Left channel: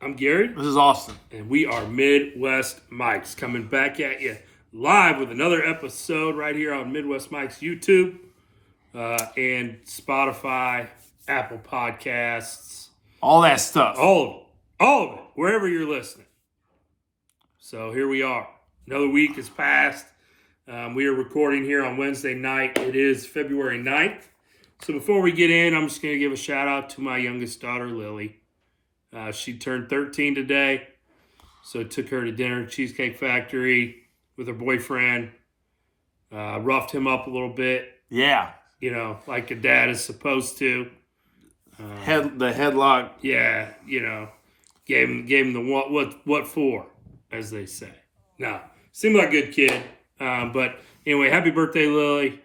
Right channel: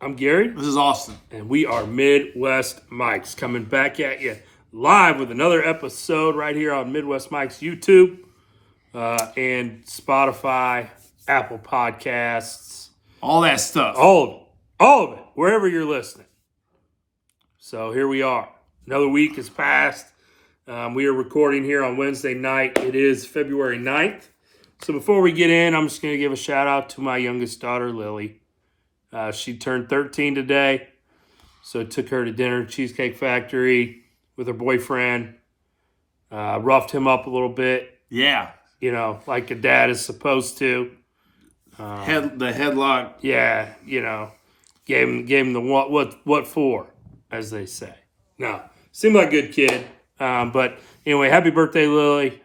I'm Gary. This is Austin. And we are Midwest Mics coming back at you live with another episode right here on Midwest Mics YouTube and Spotify, Apple Podcasts. All that stuff. All of it, wherever you're listening. So here we are. Another week has passed. We are recording here on Wednesday night. It is February 9th. So before we get in, I'm just going to give a shout out to my youngest daughter, Lily. She turned 13 today, so took her to dinner at Cheesecake Factory with her boyfriend. Roughed him up a little bit. Yeah. You know, like a dad is supposed to. The headlock. Yeah, you know, gave him the what for, as they say. No, seemed like a good kid. But anyway, happy birthday, Lily.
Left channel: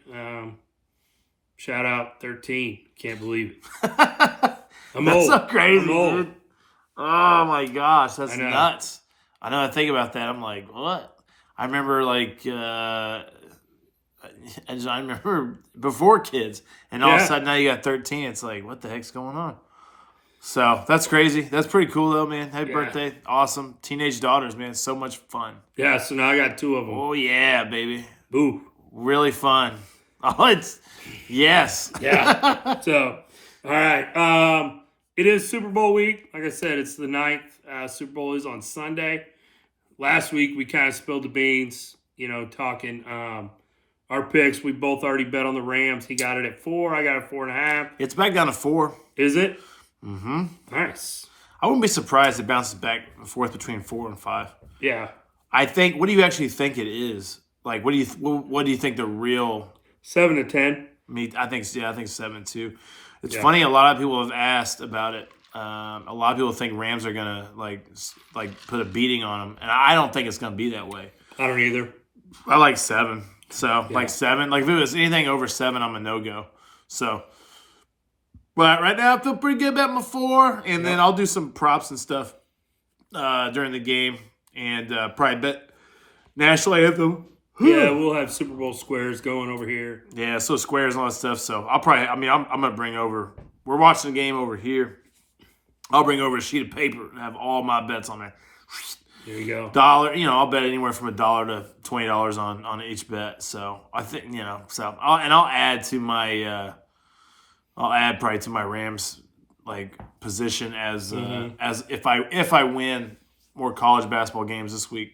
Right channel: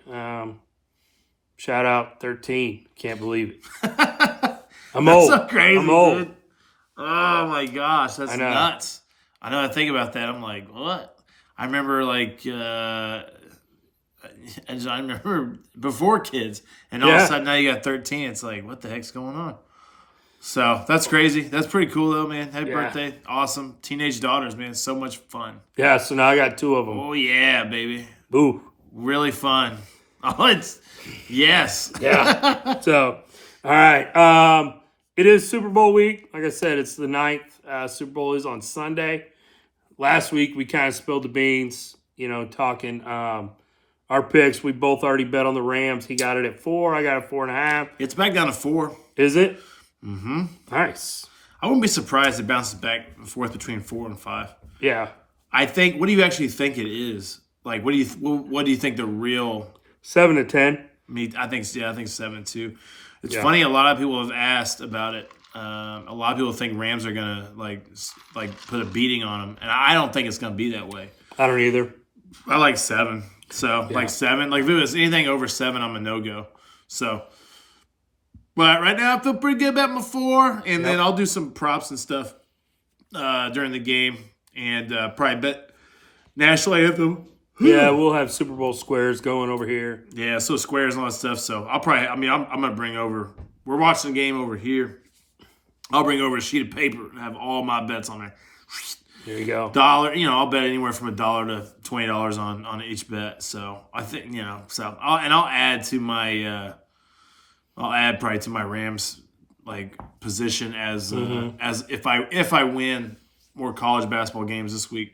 Shout out 13. Can't believe it. I'm That's old. so crazy, I'm old. dude. Oh my gosh, that's know. nuts. I know. I think about that. I'm like, what? I remember I remember before kids, and all of a sudden now you got 13. It's like, what the heck's going on? So that's crazy. That's pretty cool though, man. Happy birthday. Awesome. Teenage daughters, man. So much fun. Yeah, so now I got two of them. Oh yeah, baby. Ooh. Really fun. Oh, it's yes. Yeah. So, all right. It is Super Bowl week. Like I said, it's the 9th. Super Bowl is on Sunday. Last week, we kind of spilled the beans, you know, talking our picks. We both already bet on the Rams. He got it at 4. I got it 4.5. It's back down to 4. Is it? Mm-hmm. Nice. I wouldn't be surprised if it bounces back and forth between 4 and 5. Yeah. I think. What do you actually think it is? Like, what do you think the real? 7 to 10. I think 7 too. It's funny. A lot of people have asked about it. A lot of people think Rams are gonna like put a beating on them, and I don't think it's gonna be that way. I don't either. I like 7. So like 7. Like if it was anything over 7, I'm a no go. So, but right now I feel pretty good about my 4, and then I'll do some props and stuff during the game, and probably bet national anthem. Yeah, we'll have Super Bowl squares going over here. Yeah, so squares and all that stuff. So I'll probably, I'm going to bring over, we're watching the game over here. I'll bring over a sheet of paper and have all my bets on there. There you go. $1, I'll bet anywhere from $1 to $20 on each bet. So I think, so I'll add to my, probably to my Rams like position as if I win more college basketball games this week.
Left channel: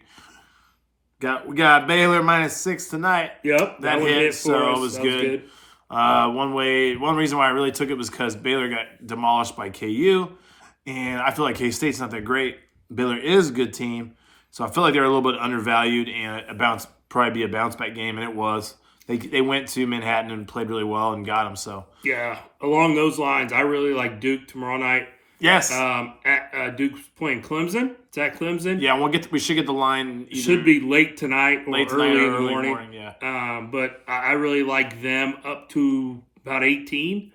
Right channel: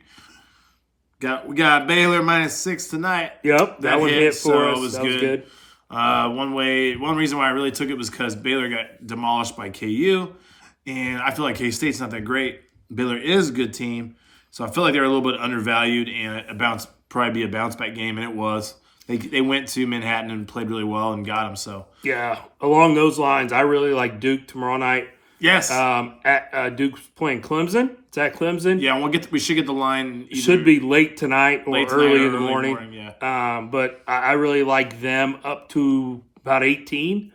We got Baylor -6 tonight. Yep, that hit for us. It was that good. One reason why I really took it was because Baylor got demolished by KU, and I feel like K-State's not that great. Baylor is a good team, so I feel like they're a little bit undervalued, and probably be a bounce back game, and it was. They went to Manhattan and played really well and got them. So yeah, along those lines, I really like Duke tomorrow night. Yes. Duke's playing Clemson. It's at Clemson. Yeah, we should get the line. Should be late tonight or early in the morning. Yeah. But I really like them up to about 18.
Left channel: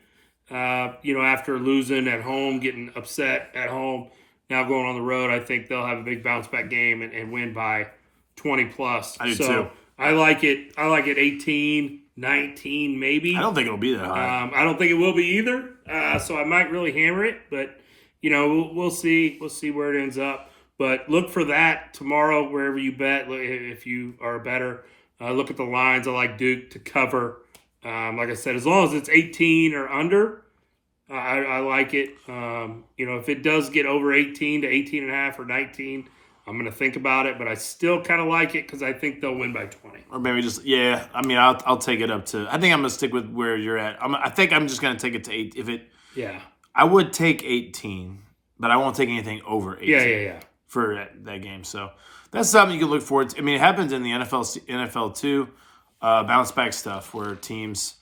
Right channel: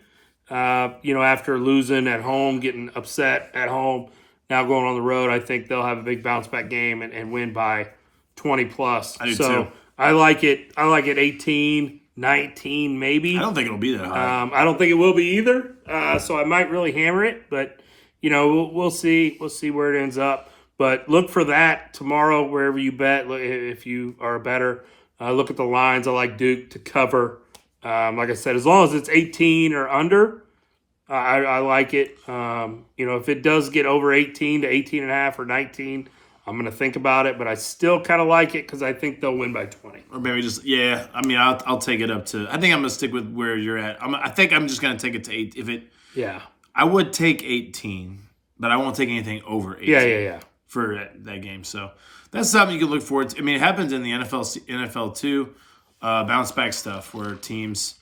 After losing at home, getting upset at home, now going on the road, I think they'll have a big bounce back game and win by 20 plus. I do too. I like it 18, 19 maybe. I don't think it'll be that high. I don't think it will be either. So I might really hammer it, but we'll see. We'll see where it ends up. But look for that tomorrow wherever you bet. If you are a bettor, look at the lines. I like Duke to cover. Like I said, as long as it's 18 or under, I like it. If it does get over 18 to 18.5 or 19, I'm going to think about it. But I still kind of like it because I think they'll win by 20. Or maybe I'll take it up to. I think I'm going to stick with where you're at. I think I'm just going to take it to 8. I would take 18, but I won't take anything over 18. Yeah. For that game. So that's something you can look forward to. I mean, it happens in the NFL too. Bounce back stuff where teams,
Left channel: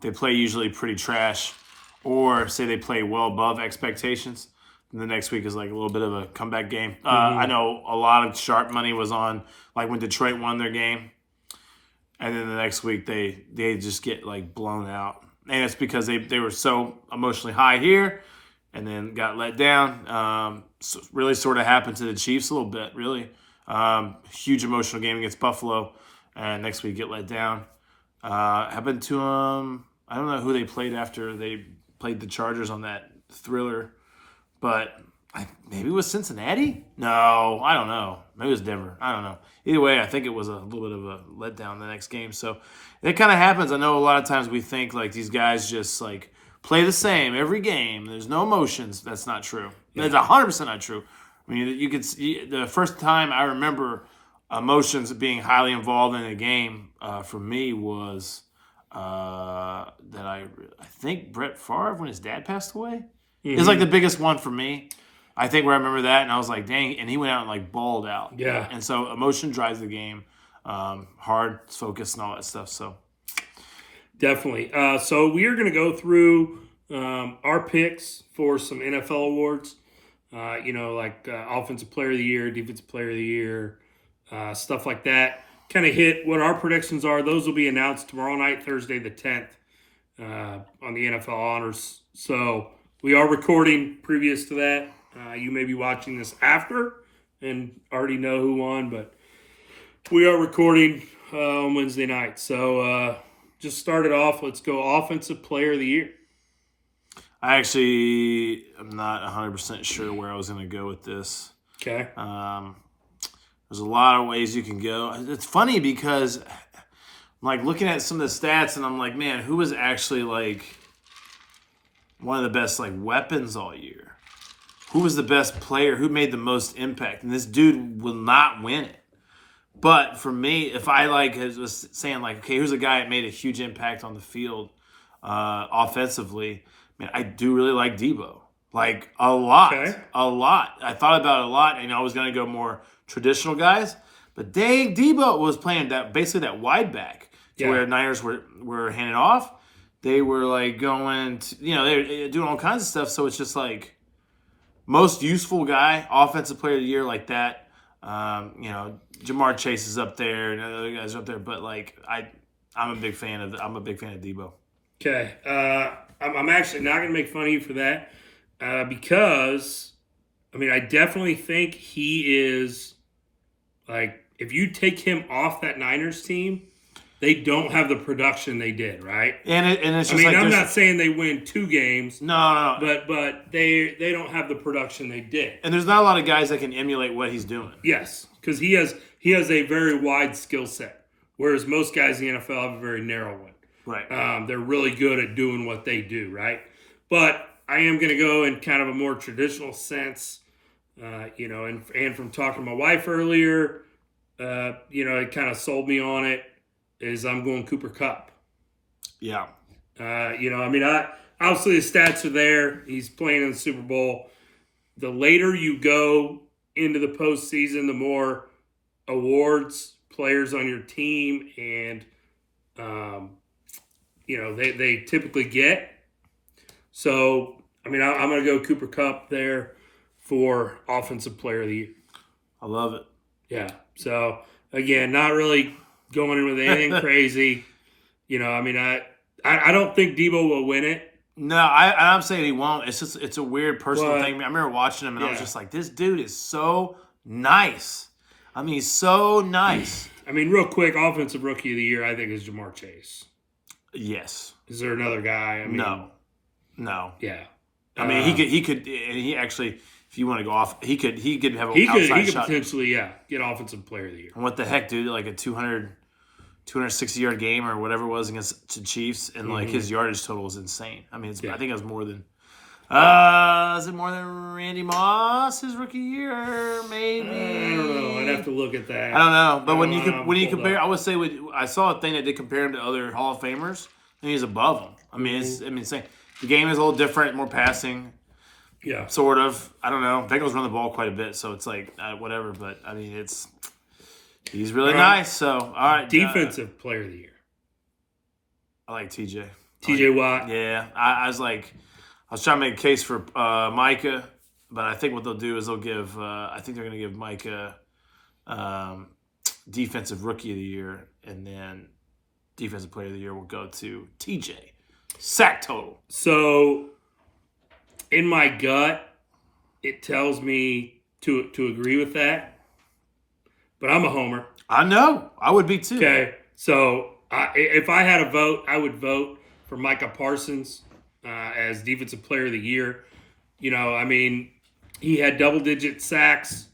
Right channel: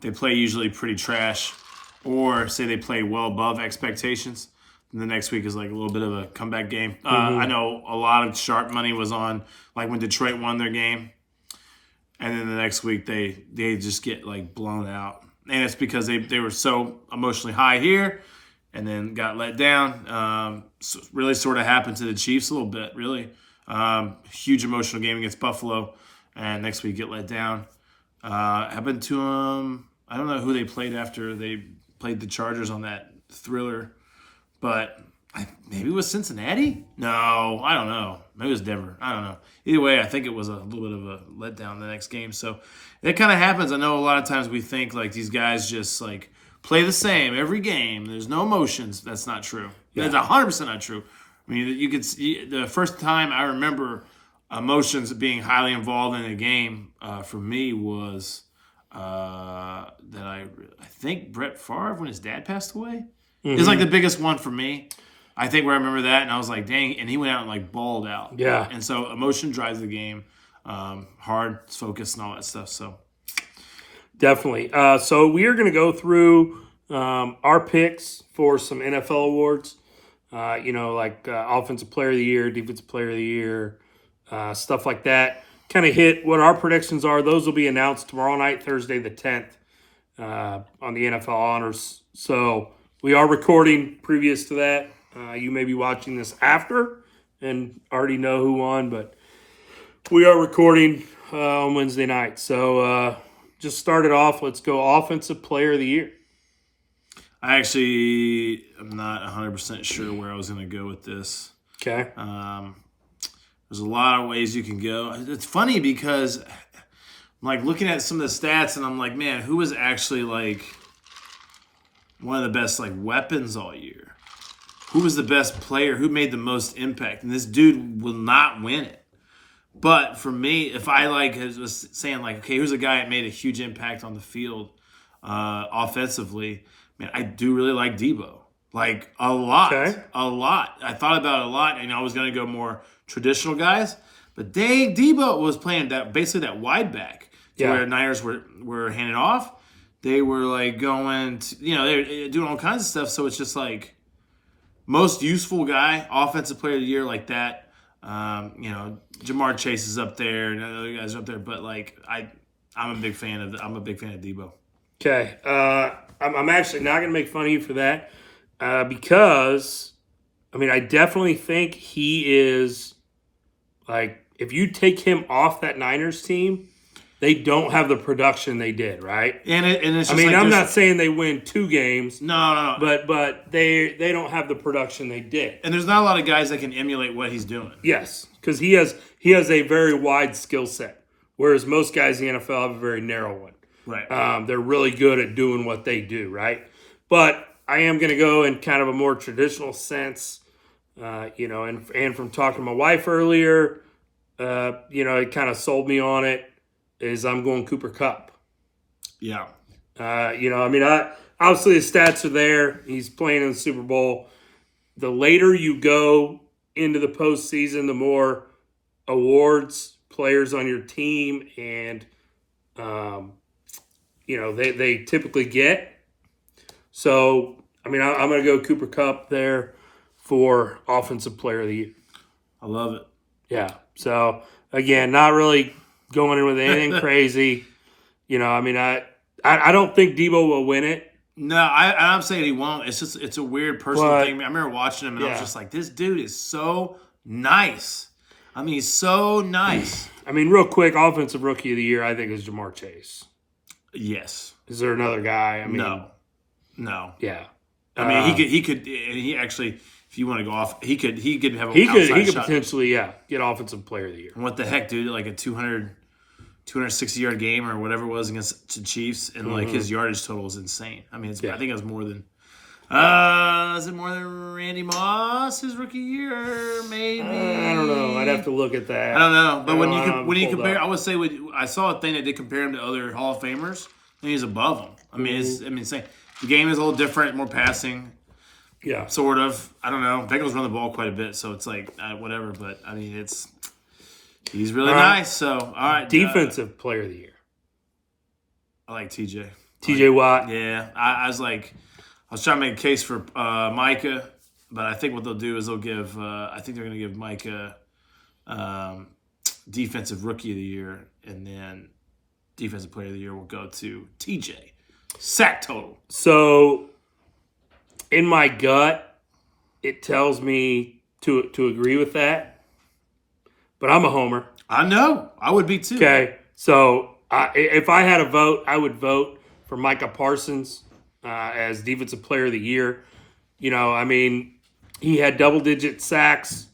they play usually pretty trash or say they play well above expectations. And the next week is like a little bit of a comeback game. I know a lot of sharp money was on like when Detroit won their game. And then the next week they just get like blown out. And it's because they were so emotionally high here and then got let down. So really sort of happened to the Chiefs a little bit, really. Huge emotional game against Buffalo, and next week get let down. Happened to them. I don't know who they played after they played the Chargers on that thriller, but Maybe it was Cincinnati? No, I don't know. Maybe it was Denver. I don't know. Either way, I think it was a little bit of a letdown the next game. So it kind of happens. I know a lot of times we think like these guys just like play the same every game. There's no emotions. That's not true. That's 100% not true. I mean, you could see the first time I remember emotions being highly involved in a game for me was that I think Brett Favre when his dad passed away. It's like the biggest one for me. I think where I remember that, and I was like, dang, and he went out and like balled out. Yeah. And so emotion drives the game, hard focus and all that stuff. So Definitely. So we are going to go through our picks for some NFL awards. Like Offensive Player of the Year, Defensive Player of the Year, stuff like that. Kind of hit what our predictions are. Those will be announced tomorrow night, Thursday the 10th, on the NFL Honors. So we are recording previous to that. You may be watching this after and already know who won, but we are recording on Wednesday night. So just start it off. Let's go Offensive Player of the Year. I actually am not 100% sure where I was going to go with this. Okay. There's a lot of ways you can go. It's funny because I'm like looking at some of the stats and I'm like, man, who was actually like one of the best like weapons all year? Who was the best player? Who made the most impact? And this dude will not win it. But for me, if I was saying like, okay, who's a guy that made a huge impact on the field offensively? Man, I do really like Debo. Like a lot. Okay. A lot. I thought about it a lot, and I was going to go more traditional guys. But Debo was playing basically that wide back to where Niners were handing off. They were like going to, they were doing all kinds of stuff. So it's just like most useful guy, offensive player of the year like that. Jamar Chase is up there and other guys are up there. But like I'm a big fan of Debo. Okay. I'm actually not going to make fun of you for that because, I definitely think he is, like, if you take him off that Niners team, they don't have the production they did, right? And it's just I'm not saying they win 2 games. No. But they don't have the production they did. And there's not a lot of guys that can emulate what he's doing. Yes, because he has a very wide skill set, whereas most guys in the NFL have a very narrow one. Right. They're really good at doing what they do, right? But I am going to go in kind of a more traditional sense, and from talking to my wife earlier, it kind of sold me on it, is I'm going Cooper Kupp. Yeah. Obviously the stats are there. He's playing in the Super Bowl. The later you go into the postseason, the more awards, players on your team, and they typically get. So, I'm going to go Cooper Kupp there for Offensive Player of the Year. I love it. Yeah. So, again, not really going in with anything crazy. I don't think Debo will win it. No, I'm saying he won't. It's a weird personal thing. I remember watching him and I was just like, this dude is so nice. He's so nice. Real quick, Offensive Rookie of the Year, I think, is Jamar Chase. Yes. Is there another guy? No. Yeah. He could, and he actually, if you want to go off, he could have an he outside could shot. Potentially, get Offensive Player of the Year. And what the heck, dude? Like a 260-yard game or whatever it was against the Chiefs, and like his yardage total was insane. I think it was more than. Is it more than Randy Moss his rookie year? Maybe. I don't know. I'd have to look at that. I don't know, but when you compare, I would say I saw a thing that did compare him to other Hall of Famers, and he's above them. It's insane. The game is a little different, more passing. Yeah. Sort of. I don't know. Bengals run the ball quite a bit, so it's like whatever. But he's really nice. So all right. Defensive Player of the Year. I like TJ. TJ Watt. Yeah, I was trying to make a case for Micah, but I think what they'll do is they'll give. I think they're going to give Micah Defensive Rookie of the Year, and then Defensive Player of the Year will go to TJ. Sack total. So, in my gut, it tells me to agree with that, but I'm a homer. I know. I would be too. Okay, so if I had a vote, I would vote for Micah Parsons as Defensive Player of the Year. He had double-digit sacks,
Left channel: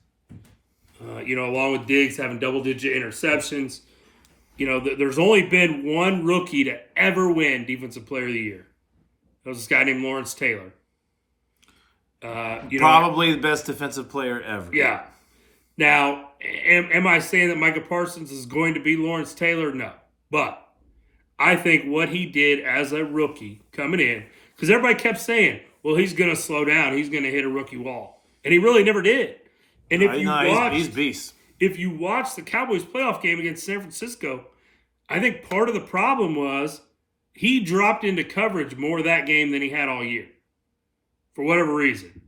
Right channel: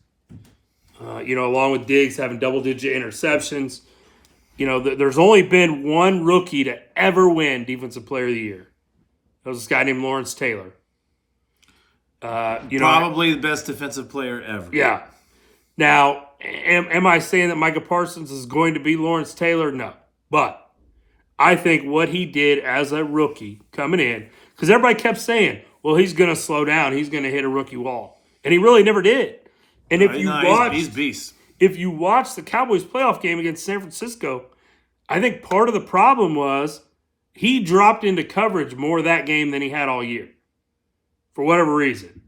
along with Diggs having double-digit interceptions. There's only been one rookie to ever win Defensive Player of the Year. That was this guy named Lawrence Taylor. Probably the best defensive player ever. Yeah. Now, am I saying that Micah Parsons is going to be Lawrence Taylor? No. But I think what he did as a rookie coming in, because everybody kept saying, well, he's going to slow down. He's going to hit a rookie wall. And he really never did. And he's beast. If you watch the Cowboys playoff game against San Francisco, I think part of the problem was he dropped into coverage more that game than he had all year. For whatever reason.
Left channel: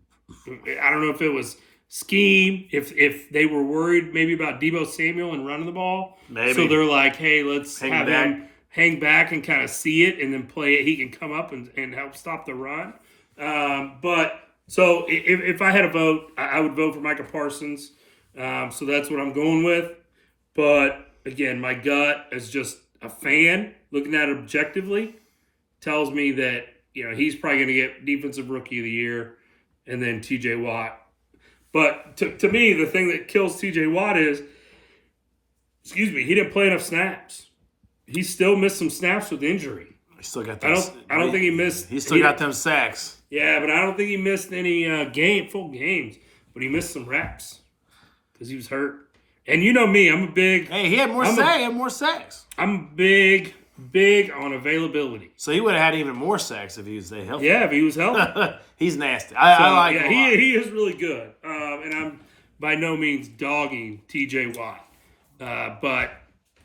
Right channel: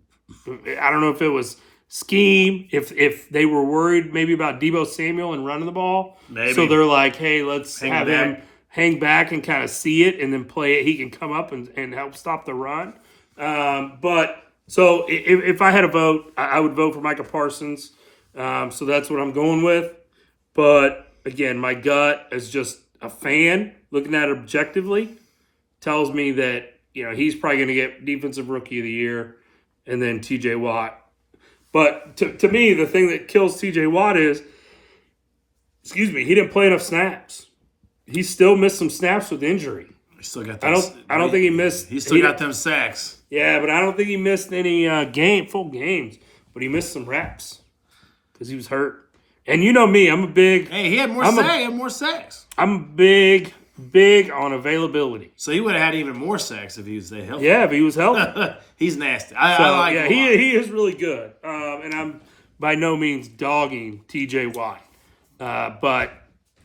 I don't know if it was scheme, if they were worried maybe about Deebo Samuel and running the ball. Maybe. So they're like, hey, let's have him hang back and kind of see it and then play it. He can come up and help stop the run. So if I had a vote, I would vote for Micah Parsons. So that's what I'm going with. But again, my gut as just a fan looking at it objectively tells me that he's probably going to get Defensive Rookie of the Year and then TJ Watt. But to me, the thing that kills TJ Watt is, he didn't play enough snaps. He still missed some snaps with injury. He still got those. I don't think he missed. He still got them sacks. Yeah, but I don't think he missed any full games. But he missed some reps because he was hurt. And you know me, I'm a big. Hey, he had more sacks. He had more sacks. I'm big on availability. So he would have had even more sacks if he was healthy. Yeah, if he was healthy. He's nasty. I like him. He is really good. And I'm by no means dogging TJ Watt. But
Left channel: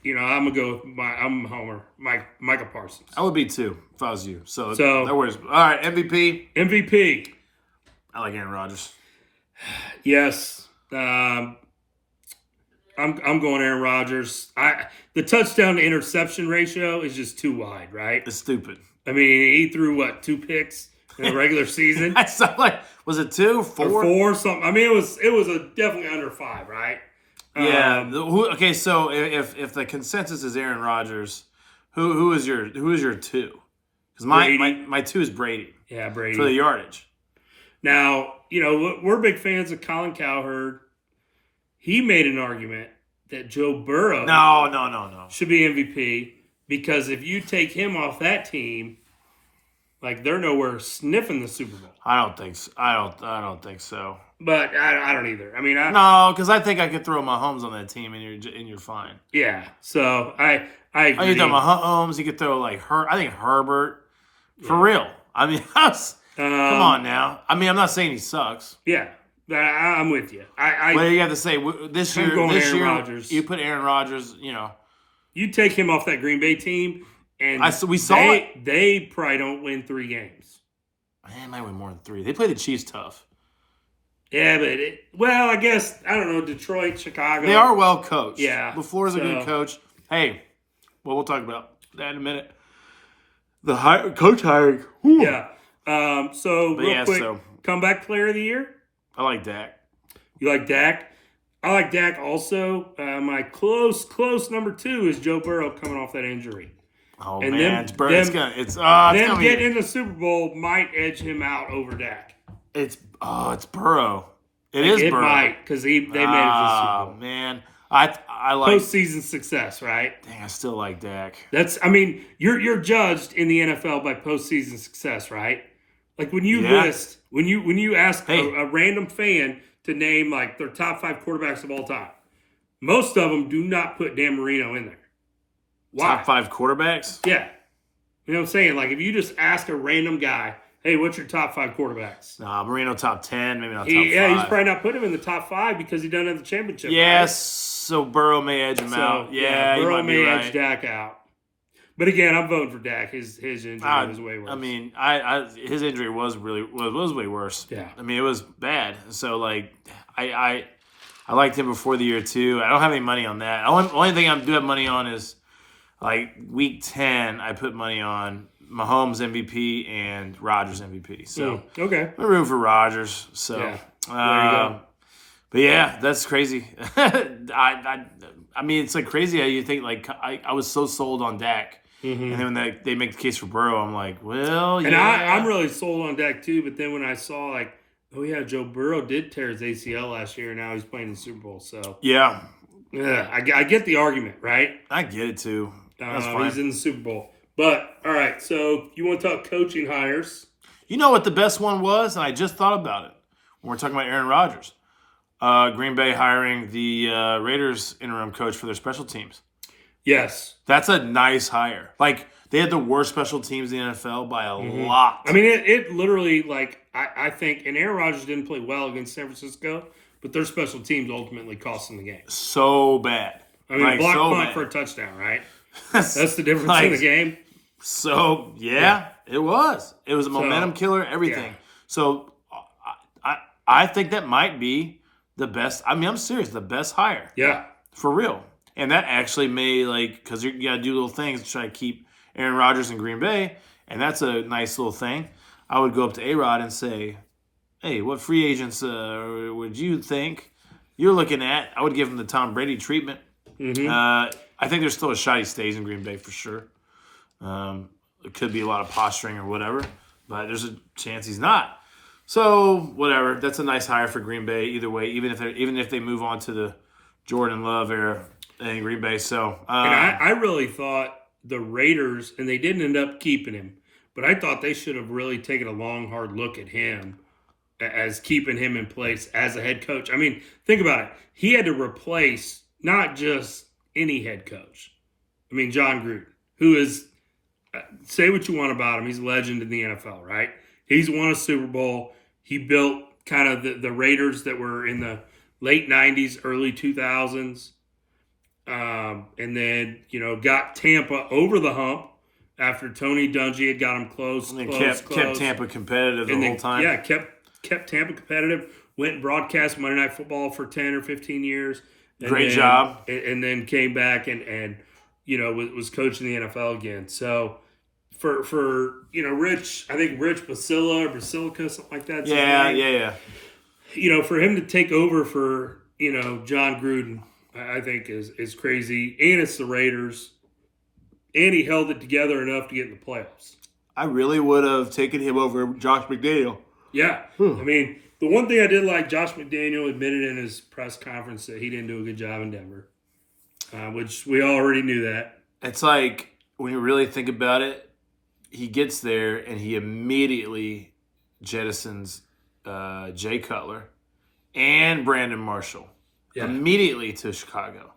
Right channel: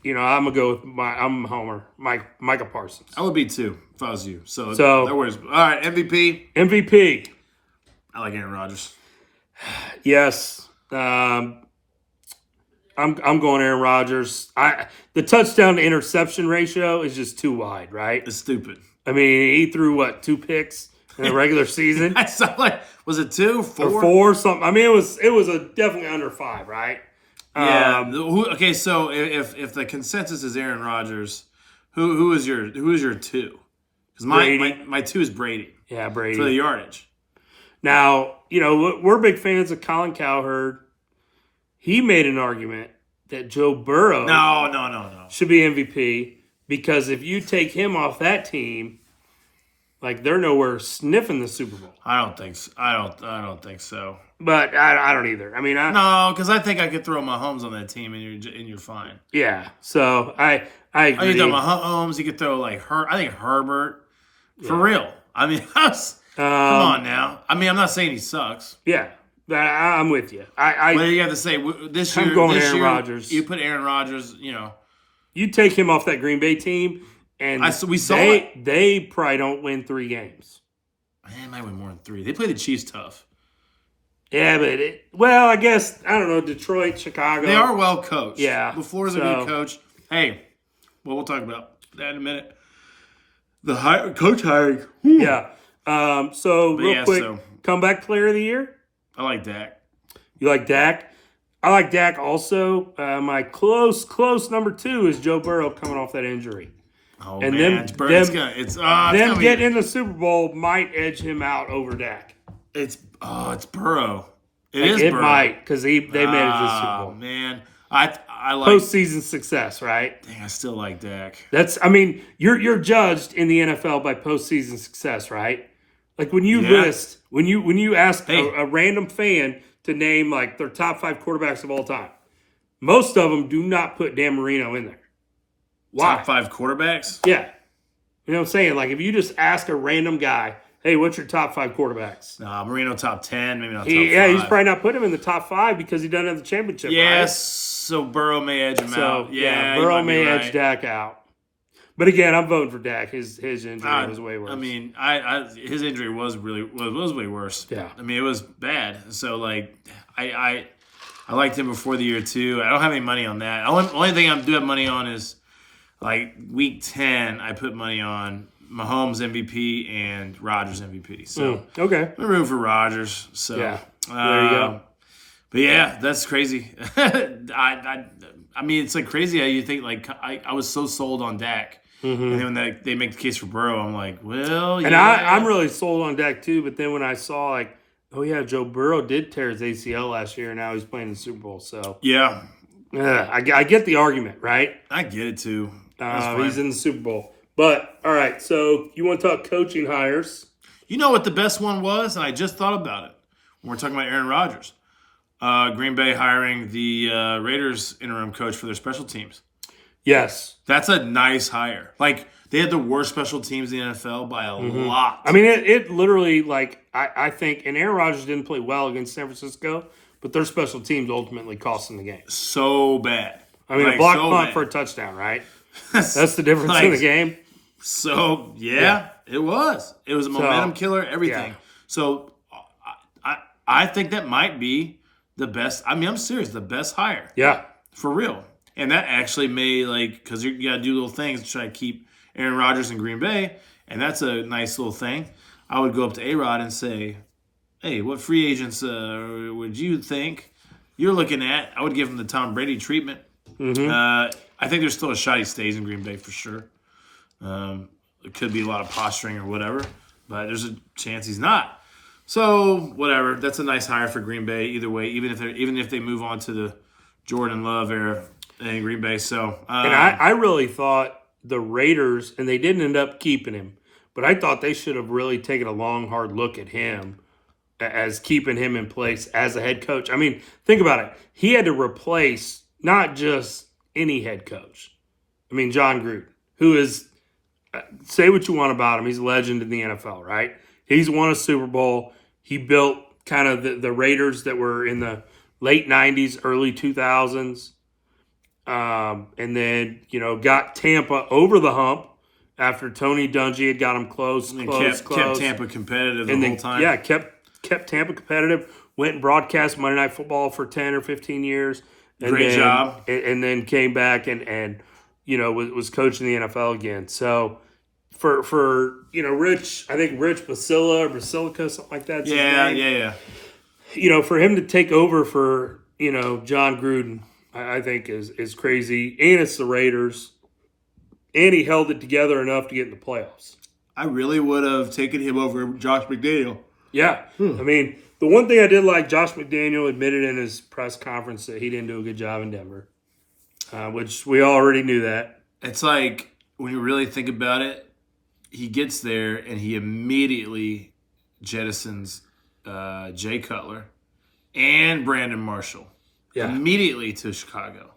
I'm gonna go with I'm a homer, Micah Parsons. I would be too if I was you. So no worries. All right, MVP. I like Aaron Rodgers. Yes. I'm going Aaron Rodgers. The touchdown to interception ratio is just too wide, right? It's stupid. I mean, he threw 2 picks in the regular season. That's not like, was it 2, 4? Or 4 something. I mean, it was definitely under 5, right? Yeah. Okay. So if the consensus is Aaron Rodgers, who is your 2? Because my 2 is Brady. Yeah, Brady for the yardage. Now we're big fans of Colin Cowherd. He made an argument that Joe Burrow no should be MVP because if you take him off that team, they're nowhere sniffing the Super Bowl. I don't think so. I don't think so. But I don't either. I mean, no, because I think I could throw Mahomes on that team and you're fine. Yeah. So I agree. You throw Mahomes. You could throw I think Herbert. For real. I mean, come on now. I mean, I'm not saying he sucks. Yeah. I'm with you. What do you have to say? This year, Aaron Rodgers. You put Aaron Rodgers, You take him off that Green Bay team, and we saw it. They probably don't win 3 games. Man, they might win more than 3. They play the Chiefs tough. Yeah, but I guess, I don't know, Detroit, Chicago. They are well coached. Yeah. LaFleur's a good coach. Hey, we'll talk about that in a minute. The coach hiring. Whew. Yeah. Real quick, comeback player of the year? I like Dak. You like Dak? I like Dak also. My close number 2 is Joe Burrow coming off that injury. Oh, and man. Them getting in the Super Bowl might edge him out over Dak. It's Burrow. It Burrow. Might, because they made it to the Super Bowl. Man. I like postseason success, right? Dang, I still like Dak. You're judged in the NFL by postseason success, right? Like when you when you ask a random fan to name their top 5 quarterbacks of all time, most of them do not put Dan Marino in there. Why? Top 5 quarterbacks? Yeah. You know what I'm saying? If you just ask a random guy, hey, what's your top 5 quarterbacks? Marino top 10, maybe not top 5. Yeah, he's probably not putting him in the top 5 because he doesn't have the championship. Yes, so Burrow may edge him out. Yeah, Burrow may edge Dak out. But again, I'm voting for Dak. His injury was way worse. I mean, his injury was way worse. Yeah. I mean, it was bad. So I liked him before the year too. I don't have any money on that. Only thing I do have money on is week 10. I put money on Mahomes MVP and Rodgers MVP. So okay, I'm rooting for Rodgers. So yeah. There you go. But yeah, that's crazy. I mean, it's crazy how you think I was so sold on Dak. Mm-hmm. And then when they make the case for Burrow, I'm like, well, yeah. And I'm really sold on Dak too, but then when I saw Oh yeah, Joe Burrow did tear his ACL last year, and now he's playing in the Super Bowl. So Yeah, I get the argument, right? I get it too. That's fine. He's in the Super Bowl. But all right, so you want to talk coaching hires? You know what the best one was? And I just thought about it when we're talking about Aaron Rodgers. Green Bay hiring the Raiders interim coach for their special teams. Yes. That's a nice hire. Like, they had the worst special teams in the NFL by a lot. I mean, it literally, like, I think, and Aaron Rodgers didn't play well against San Francisco, but their special teams ultimately cost them the game. So bad. I mean, like, a block so punt bad. for a touchdown, right? That's the difference in the game. So, it was. It was a momentum killer, everything. Yeah. So, I think that might be the best. I mean, I'm serious. The best hire. Yeah. For real. And that actually may, because you got to do little things to try to keep Aaron Rodgers in Green Bay, and that's a nice little thing. I would go up to A-Rod and say, hey, what free agents would you think you're looking at? I would give him the Tom Brady treatment. I think there's still a shot he stays in Green Bay for sure. It could be a lot of posturing or whatever, but there's a chance he's not. So whatever, that's a nice hire for Green Bay. Either way, even if they move on to the Jordan Love era in Green Bay. So and I really thought the Raiders, and they didn't end up keeping him, but I thought they should have really taken a long, hard look at him as keeping him in place as a head coach. I mean, think about it. He had to replace not just any head coach. I mean, John Gruden, who is, say what you want about him, he's a legend in the NFL, right? He's won a Super Bowl. He built kind of the Raiders that were in the late 90s, early 2000s. And then, got Tampa over the hump after Tony Dungy had got him close. And kept Tampa competitive the whole time. Yeah, kept Tampa competitive. Went and broadcast Monday Night Football for 10 or 15 years. Great job. And then came back and was coaching the NFL again. So for Rich, I think Rich Basilica, something like that. Yeah. For him to take over for, John Gruden, I think is crazy. And it's the Raiders. And he held it together enough to get in the playoffs. I really would have taken him over Josh McDaniel. Yeah. I mean, the one thing I did like, Josh McDaniel admitted in his press conference that he didn't do a good job in Denver, which we already knew that. It's like, when you really think about it, he gets there and he immediately jettisons Jay Cutler and Brandon Marshall immediately to Chicago.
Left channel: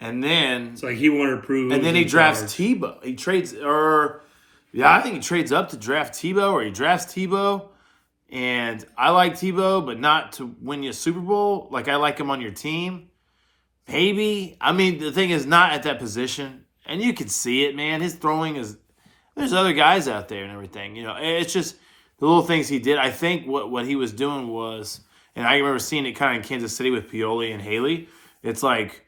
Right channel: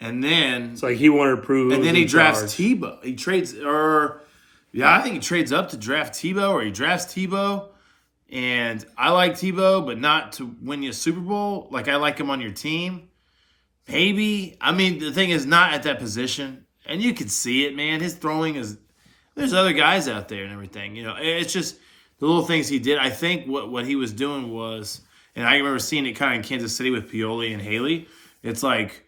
And then it's like he wanted to prove. And then he drafts Tebow. He trades, I think he trades up to draft Tebow, or he drafts Tebow. And I like Tebow, but not to win you a Super Bowl. Like, I like him on your team. Maybe. I mean, the thing is, not at that position. And you can see it, man. His throwing is, there's other guys out there and everything. It's just the little things he did. I think what he was doing was, and I remember seeing it kind of in Kansas City with Pioli and Haley. It's like,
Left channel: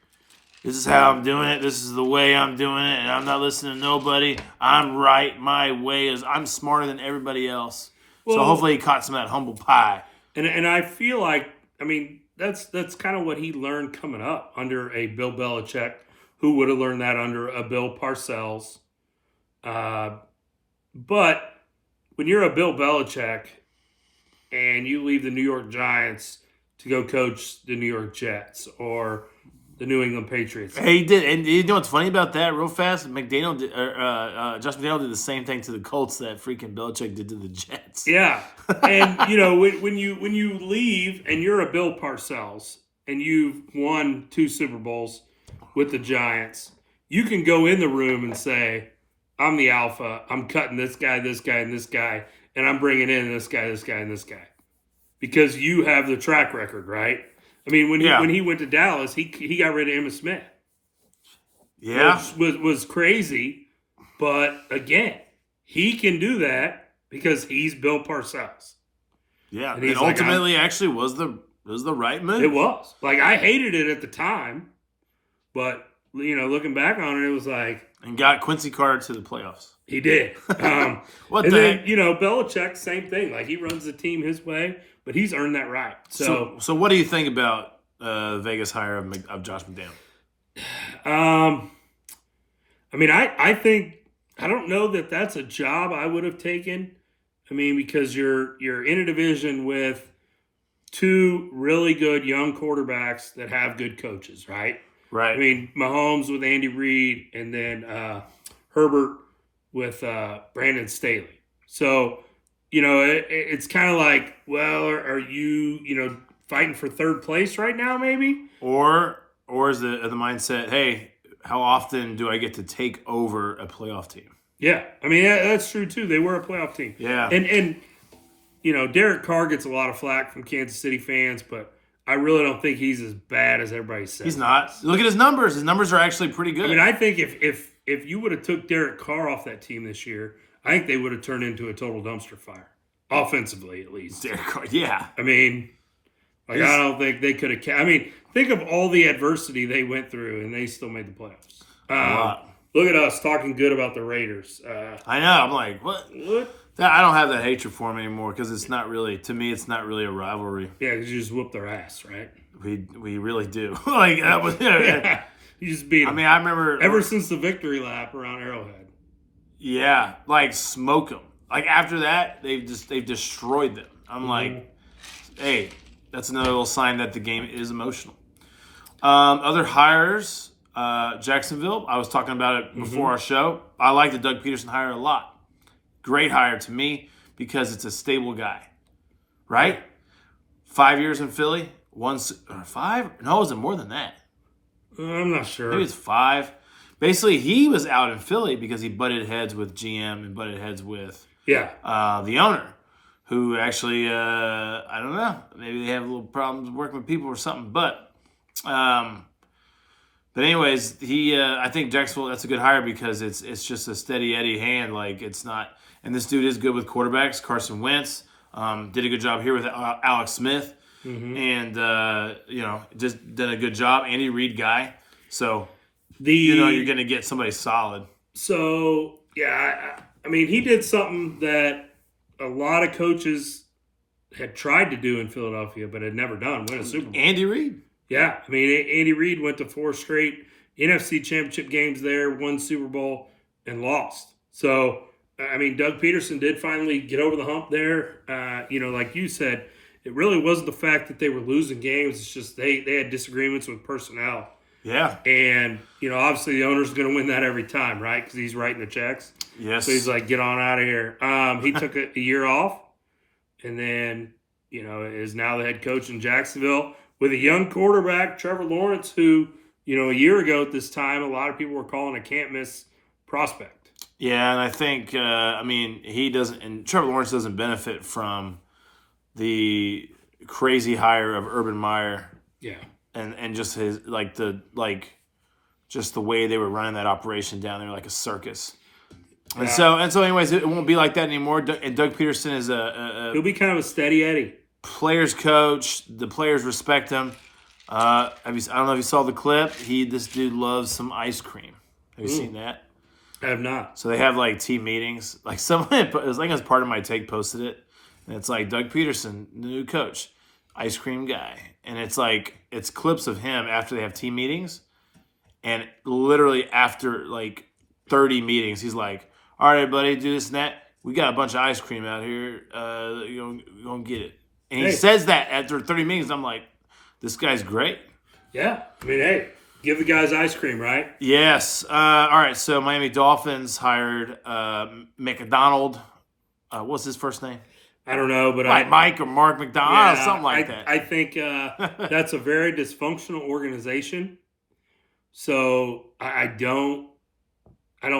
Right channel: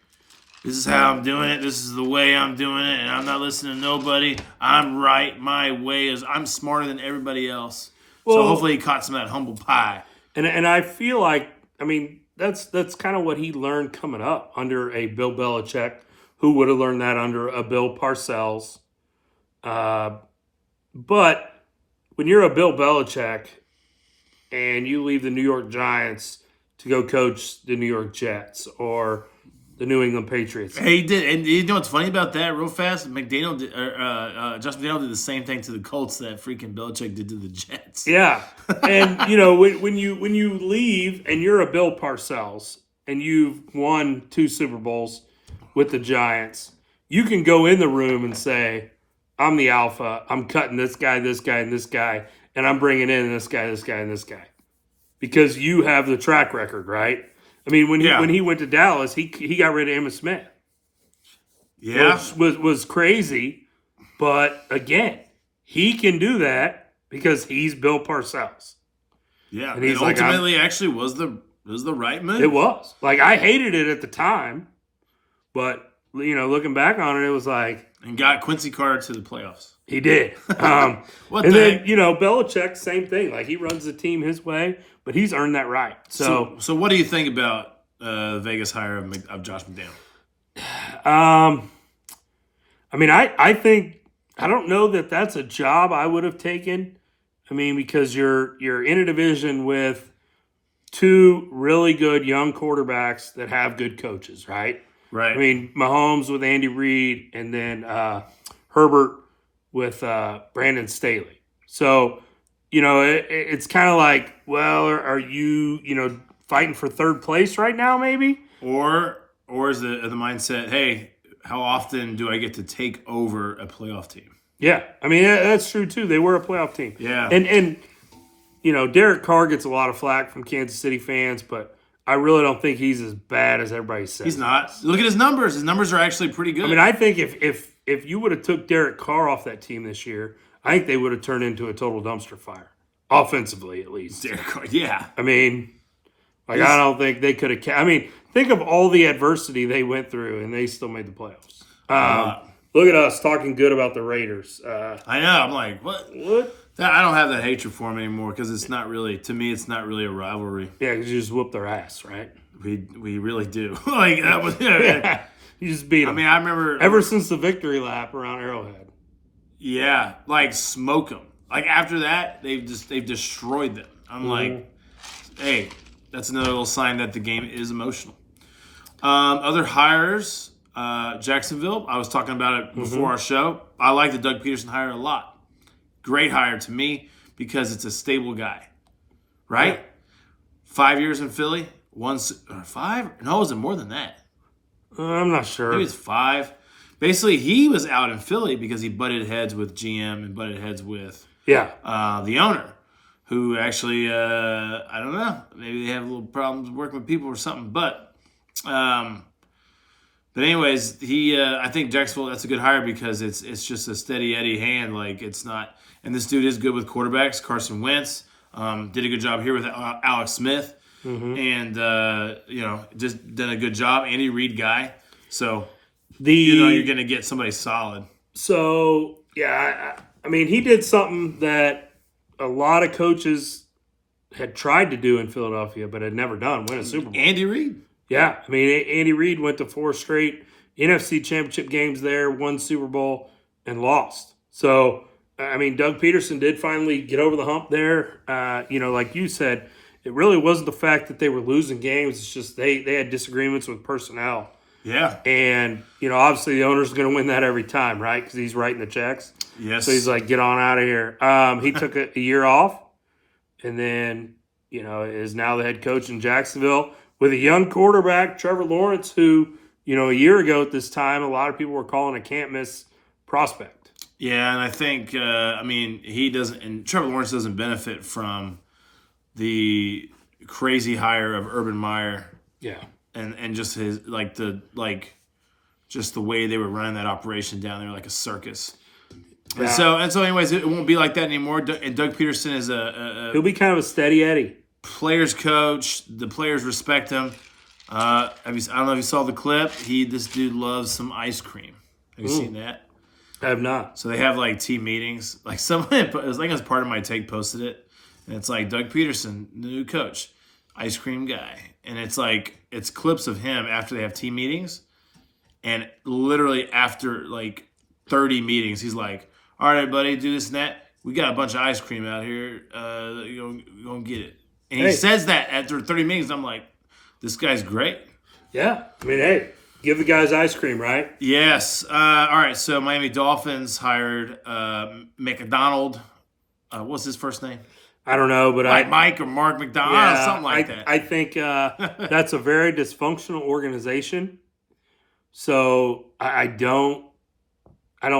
this is how I'm doing it. This is the way I'm doing it. And I'm not listening to nobody. I'm right. My way is, I'm smarter than everybody else. So hopefully he caught some of that humble pie. And I feel like, I mean, that's kind of what he learned coming up under a Bill Belichick, who would have learned that under a Bill Parcells. But when you're a Bill Belichick and you leave the New York Giants to go coach the New York Jets or the New England Patriots. He did, and you know what's funny about that? Real fast, Josh McDaniel did the same thing to the Colts that freaking Belichick did to the Jets. Yeah, and when you leave and you're a Bill Parcells and you've won 2 Super Bowls with the Giants, you can go in the room and say, "I'm the alpha. I'm cutting this guy, and this guy, and I'm bringing in this guy, and this guy," because you have the track record, right? I mean, when he went to Dallas, he got rid of Emmitt Smith. Yeah. Which was crazy. But, again, he can do that because he's Bill Parcells. Yeah, and ultimately actually was the right move. It was. Like, I hated it at the time. But, looking back on it, it was like... And got Quincy Carter to the playoffs. He did. What and the then, heck? Belichick, same thing. Like, he runs the team his way, but he's earned that right. So what do you think about the Vegas hire of Josh McDaniel? I mean, I think, I don't know that that's a job I would have taken I mean, because you're in a division with two really good young quarterbacks that have good coaches, right? Right. I mean, Mahomes with Andy Reid, and then Herbert with Brandon Staley. So, it's kind of like, well, are you, fighting for third place right now, maybe? Or is the mindset, hey, how often do I get to take over a playoff team? Yeah, I mean that's true too. They were a playoff team. Yeah. And Derek Carr gets a lot of flack from Kansas City fans, but I really don't think he's as bad as everybody says. He's not. Look at his numbers. His numbers are actually pretty good. I mean, I think if you would have took Derek Carr off that team this year, I think they would have turned into a total dumpster fire, offensively at least. Derek Carr, yeah. I mean, I don't think they could have. I mean, think of all the adversity they went through, and they still made the playoffs. Look at us talking good about the Raiders. I know. I'm like, what? I don't have that hatred for them anymore because it's not really, to me, it's not really a rivalry. Yeah, because you just whoop their ass, right? We really do. Like that was. Yeah, you just beat them. I mean, I remember ever since the victory lap around Arrowhead. Yeah, like smoke them. Like after that, they've destroyed them. I'm like, hey, that's another little sign that the game is emotional. Other hires, Jacksonville. I was talking about it before our show. I like the Doug Peterson hire a lot. Great hire to me because it's a stable guy, right? Yeah. 5 years in Philly, 5? No, is it more than that? I'm not sure. Maybe it's 5. Basically, he was out in Philly because he butted heads with GM and butted heads with the owner, who actually, I don't know, maybe they have little problems working with people or something. But anyways, I think Jacksonville, that's a good hire because it's just a steady Eddie hand. Like it's not, and this dude is good with quarterbacks. Carson Wentz did a good job here with Alex Smith, and just did a good job. Andy Reid guy, so. You're going to get somebody solid. So, yeah, I mean, he did something that a lot of coaches had tried to do in Philadelphia, but had never done, win a Super Bowl. Andy Reid. Yeah, I mean, Andy Reid went to 4 straight NFC championship games there, won Super Bowl, and lost. So, I mean, Doug Peterson did finally get over the hump there. Like you said, it really wasn't the fact that they were losing games. It's just they had disagreements with personnel. Yeah. And, obviously the owner's going to win that every time, right? Because he's writing the checks. Yes. So he's like, get on out of here. He took a year off and then, is now the head coach in Jacksonville with a young quarterback, Trevor Lawrence, who, a year ago at this time, a lot of people were calling a can't-miss prospect. Yeah, and I think, he doesn't – and Trevor Lawrence doesn't benefit from the crazy hire of Urban Meyer. Yeah. And just his just the way they were running that operation down there like a circus. Yeah. And so anyways, it won't be like that anymore. And Doug Peterson is he'll be kind of a steady Eddie. Players coach. The players respect him. I don't know if you saw the clip. This dude loves some ice cream. Have you seen that? I have not. So they have like team meetings. Like someone, it was like as part of my take posted it, and it's like Doug Peterson, the new coach, ice cream guy, and it's clips of him after they have team meetings, and literally after like 30 meetings, he's like, "All right, buddy, do this and that. We got a bunch of ice cream out here. You're gonna get it." And he says that after 30 meetings. I'm like, this guy's great. Yeah, I mean, hey, give the guys ice cream, right? Yes. All right. So Miami Dolphins hired McDonald. What's his first name? I don't know, but Mike or Mark McDonald, something like that. I think that's a very dysfunctional organization. So I don't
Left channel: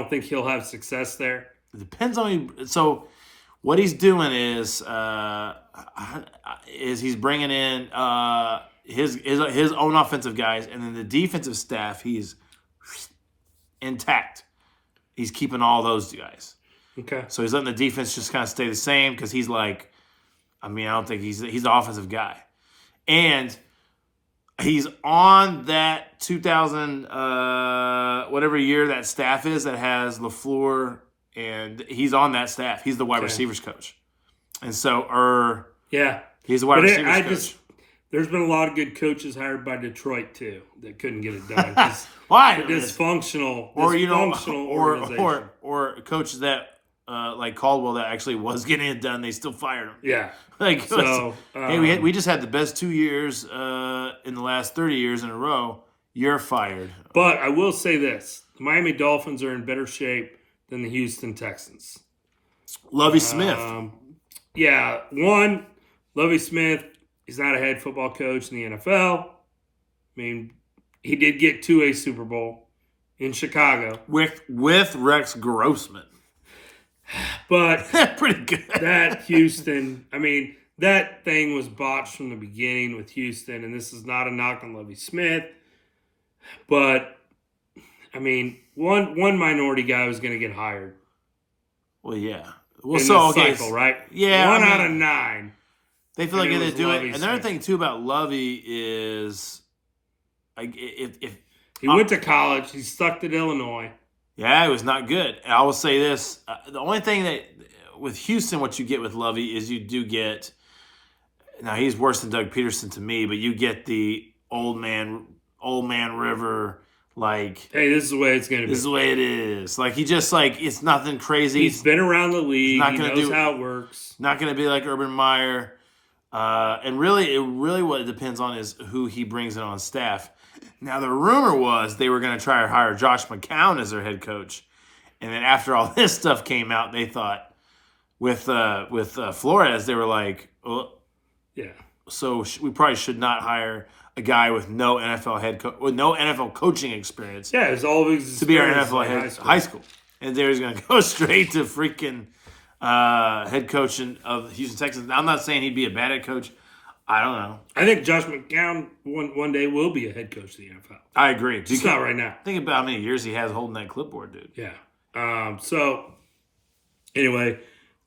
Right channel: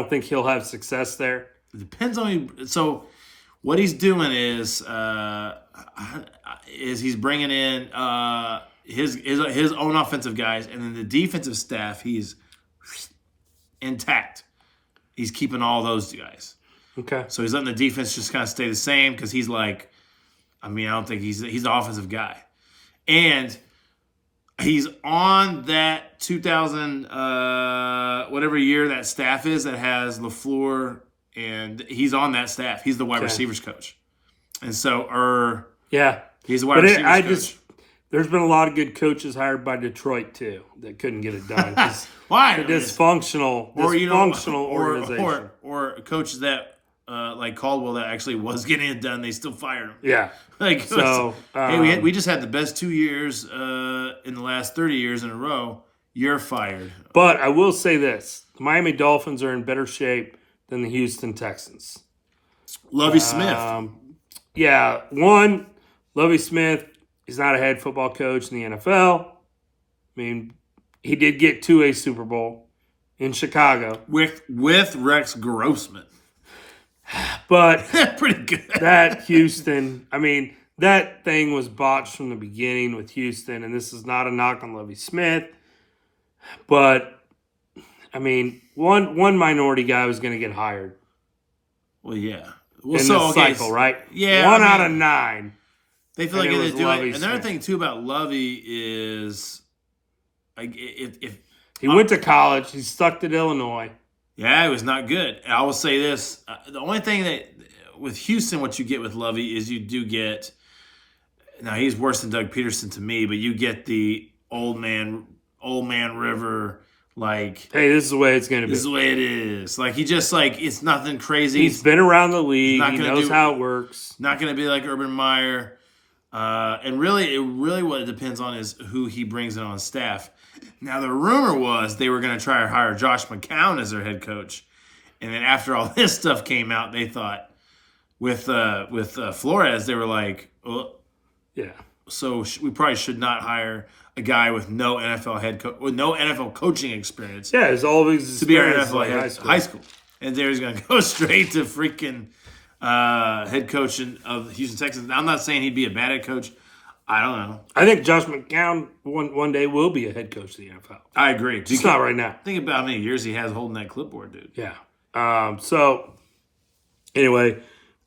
think he'll have success there. It depends on you. So what he's doing is he's bringing in his own offensive guys, and then the defensive staff he's intact. He's keeping all those guys. Okay. So he's letting the defense just kind of stay the same because he's like, I don't think he's the offensive guy. And he's on that 2000, whatever year that staff is that has LaFleur, and he's on that staff. He's the wide receivers coach. And so, he's the wide receivers coach. There's been a lot of good coaches hired by Detroit, too, that couldn't get it done. Why? Dysfunctional organization. Or coaches that like Caldwell that actually was getting it done, they still fired him. Yeah. Like, So, hey, we just had the best 2 years in the last 30 years in a row. You're fired. But I will say this: the Miami Dolphins are in better shape than the Houston Texans. Lovie Smith. Yeah, one, Lovie Smith is not a head football coach in the NFL. I mean, he did get to a Super Bowl in Chicago. With Rex Grossman. But pretty good. that Houston, I mean, that thing was botched from the beginning with Houston, and this is not a knock on Lovie Smith. But, I mean, one minority guy was going to get hired. Well, yeah. Well, in so this okay, cycle, right? Yeah, One out of 9. They feel like it if was they do it. Lovie Another Smith. thing too about Lovey is, like, if He went to college. He stuck to Illinois. yeah, it was not good. I will say this: the only thing that with Houston, what you get with Lovey is you do get. Now he's worse than Doug Peterson to me, but you get the old man River. Like, Hey, this is the way it's going to be. this is the way it is. Like, he just, like, it's nothing crazy. He's been around the league. not He gonna knows do- how it works. Not going to be like Urban Meyer. And really, what it depends on is who he brings in on staff. Now, the rumor was they were going to try to hire Josh McCown as their head coach. And then after all this stuff came out, they thought with Flores, they were like, oh, Yeah. so we probably should not hire a guy with no NFL coaching experience Yeah, it's all of his to be our experience NFL like high school. And there he's going to go straight to freaking head coach of the Houston Texans. Now, I'm not saying he'd be a bad head coach. I don't know. I think Josh McCown one day will be a head coach of the NFL. I agree. It's not right now. Think about how many years he has holding that clipboard, dude. Yeah. So, anyway,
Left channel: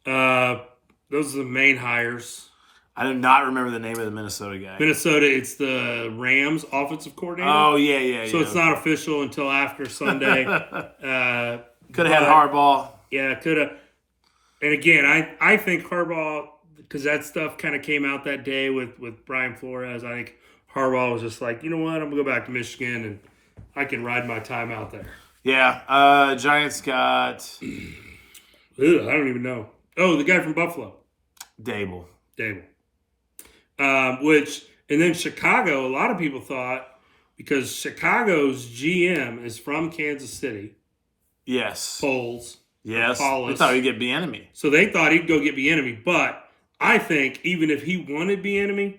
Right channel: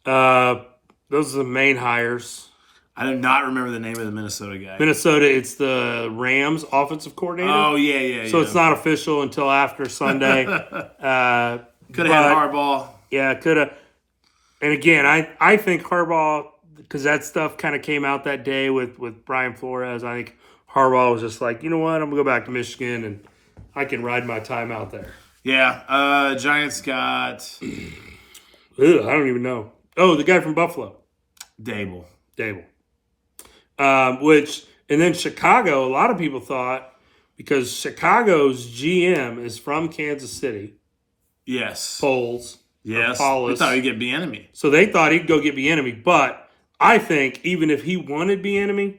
those are the main hires. I do not remember the name of the Minnesota guy. Minnesota, it's the Rams offensive coordinator. Oh, yeah. So it's not official until after Sunday. Could have had Harbaugh. Yeah, could have. And again, I think Harbaugh, because that stuff kind of came out that day with Brian Flores, I think Harbaugh was just like, you know what, I'm going to go back to Michigan and I can ride my time out there. Yeah. Giants got I don't even know. Oh, the guy from Buffalo. Dable. And then Chicago, a lot of people thought, because Chicago's GM is from Kansas City, Yes. Foles. Yes. Paulus. We thought he'd get Bieniemy. So they thought he'd go get Bieniemy. But I think even if he wanted Bieniemy,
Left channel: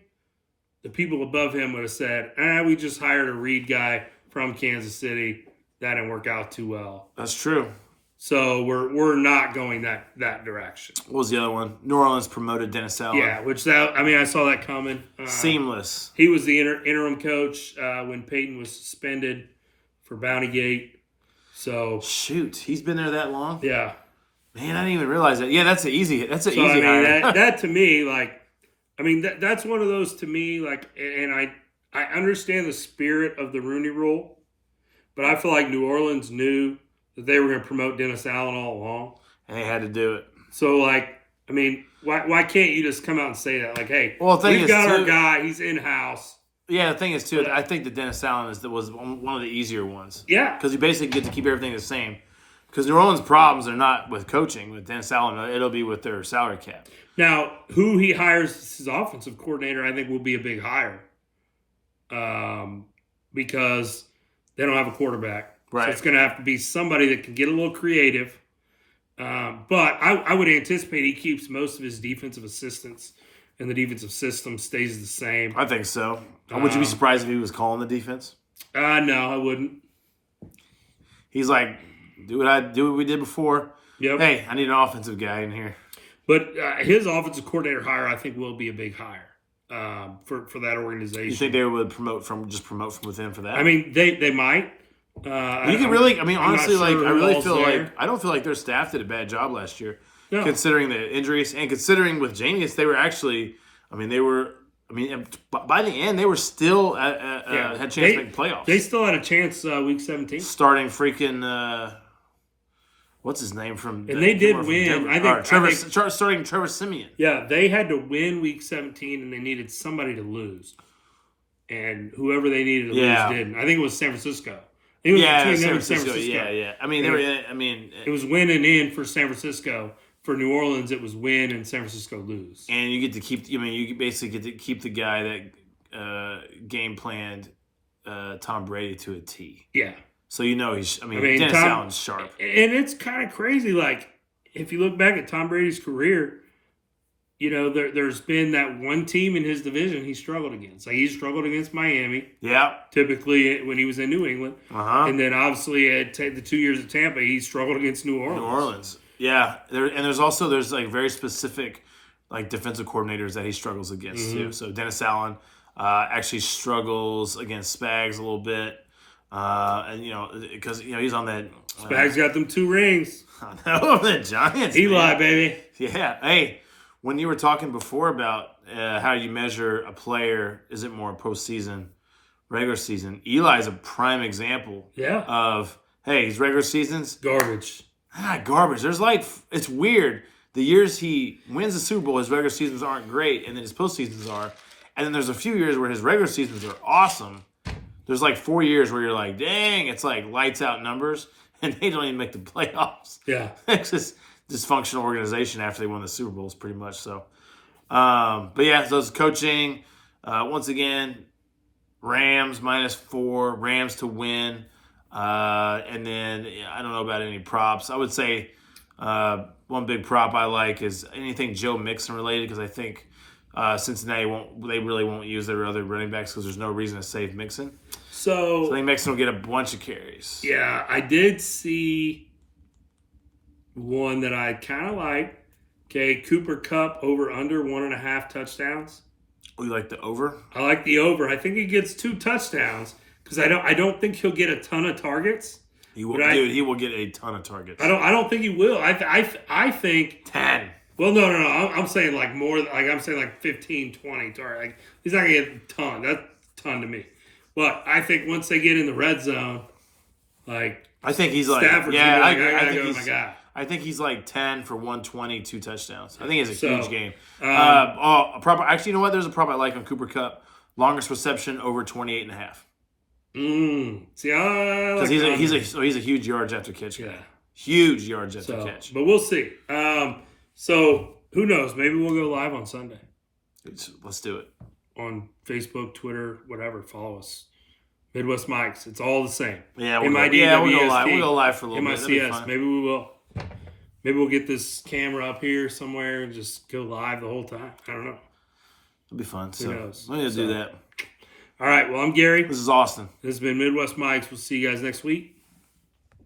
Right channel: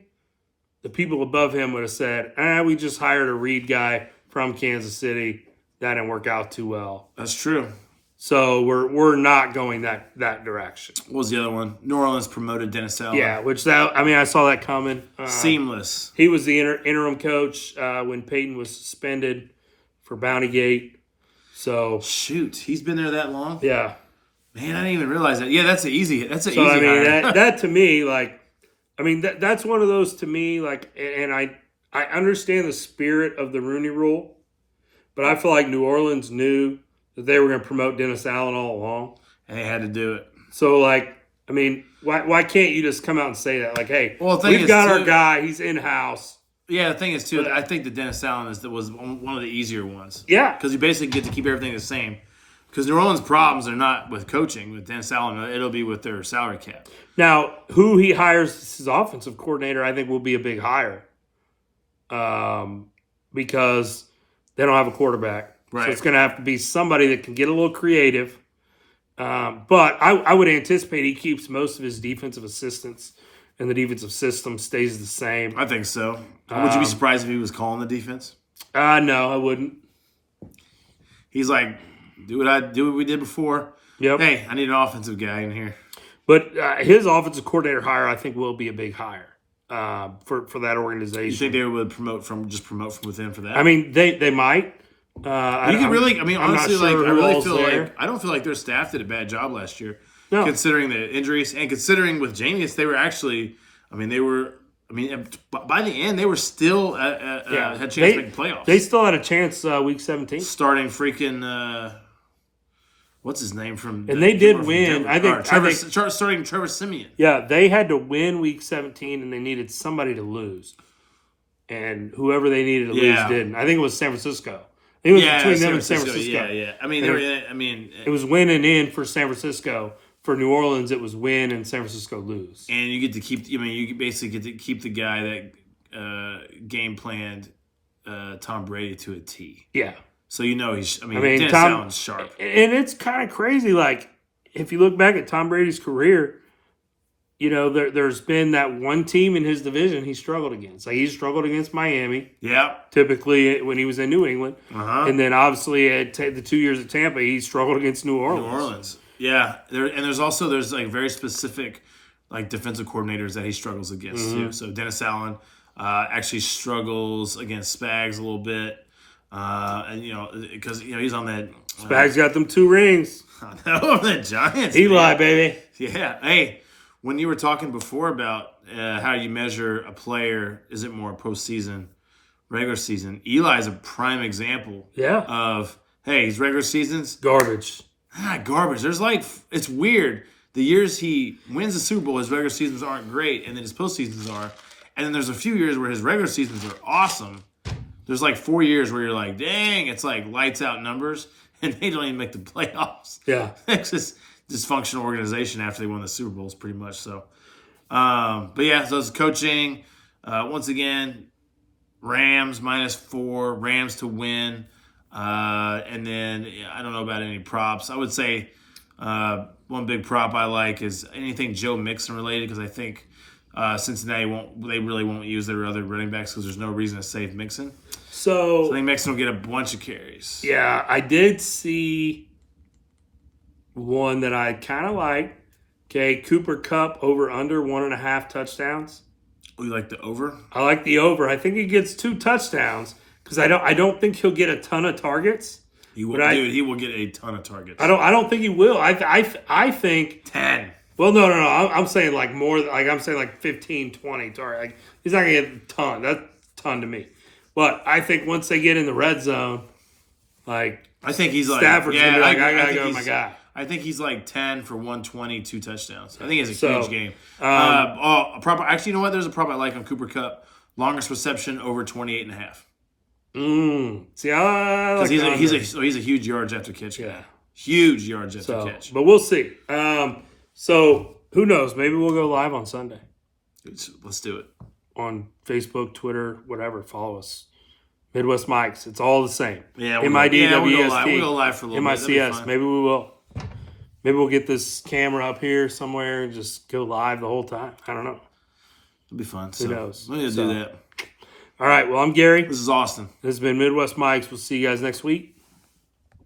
the people above him would have said, we just hired a Reed guy from Kansas City. That didn't work out too well. That's true. So we're not going that direction. What was the other one? New Orleans promoted Dennis Allen. Yeah, I saw that coming. Seamless. He was the interim coach when Peyton was suspended for Bountygate. So Shoot, he's been there that long? yeah. Man, I didn't even realize that. Yeah, that's an easy So, hire. that to me, like, that's one of those to me, like, and I understand the spirit of the Rooney Rule, but I feel like New Orleans knew that they were going to promote Dennis Allen all along. And they had to do it. So, like, why can't you just come out and say that? Like, hey, Well, the thing we've is, got our too- guy, he's in-house. Yeah, the thing is, too, I think that Dennis Allen was one of the easier ones. Yeah. Because you basically get to keep everything the same. Because New Orleans' problems are not with coaching. With Dennis Allen, it'll be with their salary cap. Now, who he hires as his offensive coordinator, I think, will be a big hire. Because they don't have a quarterback. Right. So it's going to have to be somebody that can get a little creative. But I would anticipate he keeps most of his defensive assistants, and the defensive system stays the same. I think so. Would you be surprised if he was calling the defense? No, I wouldn't. He's like, do what we did before. Yep. Hey, I need an offensive guy in here. But his offensive coordinator hire, I think, will be a big hire for that organization. You think they would promote from within for that? I mean, they might. Honestly, sure I who really all's feel there. like I don't feel like their staff did a bad job last year, No. considering the injuries and considering with Jameis, they were actually. By the end, they were still had a chance to make the playoffs. They still had a chance week 17. Starting freaking what's his name from? And they did from win. Denver. Starting Trevor Simeon. Yeah, they had to win week 17, and they needed somebody to lose. And whoever they needed to lose didn't. I think it was San Francisco. It was Yeah, between San them and San Francisco. Francisco. Yeah. I mean, they were. I mean, It was win and in for San Francisco. For New Orleans, it was win and San Francisco lose. and you get to keep. I mean, you basically get to keep the guy that game planned Tom Brady to a T. Yeah. So he's. I mean Dennis Allen's sharp. And it's kind of crazy. Like, if you look back at Tom Brady's career, there's been that one team in his division he struggled against. Like, he struggled against Miami. Yeah. Typically, when he was in New England. Uh-huh. And then, obviously, at the 2 years at Tampa, he struggled against New Orleans. Yeah. There's like very specific like defensive coordinators that he struggles against too. So Dennis Allen actually struggles against Spags a little bit. And because he's on that. Spags got them 2 rings. No, the Giants. Eli, man. baby. Yeah. Hey, when you were talking before about how you measure a player, is it more postseason, regular season? Eli is a prime example. Yeah. Of his regular seasons Garbage. garbage. It's weird. The years he wins the Super Bowl, his regular seasons aren't great, and then his postseasons are. And then there's a few years where his regular seasons are awesome. There's like 4 years where you're like, dang, it's like lights out numbers, and they don't even make the playoffs. Yeah. It's just dysfunctional organization after they won the Super Bowls, pretty much. So, but yeah, so it's coaching. Once again, Rams -4, Rams to win. And then I don't know about any props. I would say one big prop I like is anything Joe Mixon related, because I think Cincinnati really won't use their other running backs because there's no reason to save Mixon. So I think Mixon will get a bunch of carries. Yeah, I did see one that I kind of like. Okay, Cooper Kupp over under 1.5 touchdowns. Oh, you like the over? I like the over. I think he gets 2 touchdowns because I don't think he'll get a ton of targets. He will, he will get a ton of targets. I don't think he will. I think 10. Well, no. I'm saying like more. Like I'm saying like 15, 20 targets. Like, he's not gonna get a ton. That's a ton to me. But I think once they get in the red zone, like I think he's like Stafford's yeah. gonna be like, I gotta go, my guy. I think he's like 10 for 120, 2 touchdowns. I think it's a huge game. Um, a prop. Actually, you know what? There's a prop I like on Cooper Kupp. Longest reception over 28.5. See, I like because he's a huge yards after catch guy. Yeah. Huge yards after catch. But we'll see. So who knows? Maybe we'll go live on Sunday Let's do it. on Facebook, Twitter, whatever. Follow us. Midwest Mics. It's all the same. Yeah, we'll go live. We'll go live for a little bit. That'd be MICS. fun. Maybe we will. Maybe we'll get this camera up here somewhere and just go live the whole time. I don't know. It'll be fun. Who knows? We're going to do that. All right. Well, I'm Gary. This is Austin. This has been Midwest Mics. We'll see you guys next week.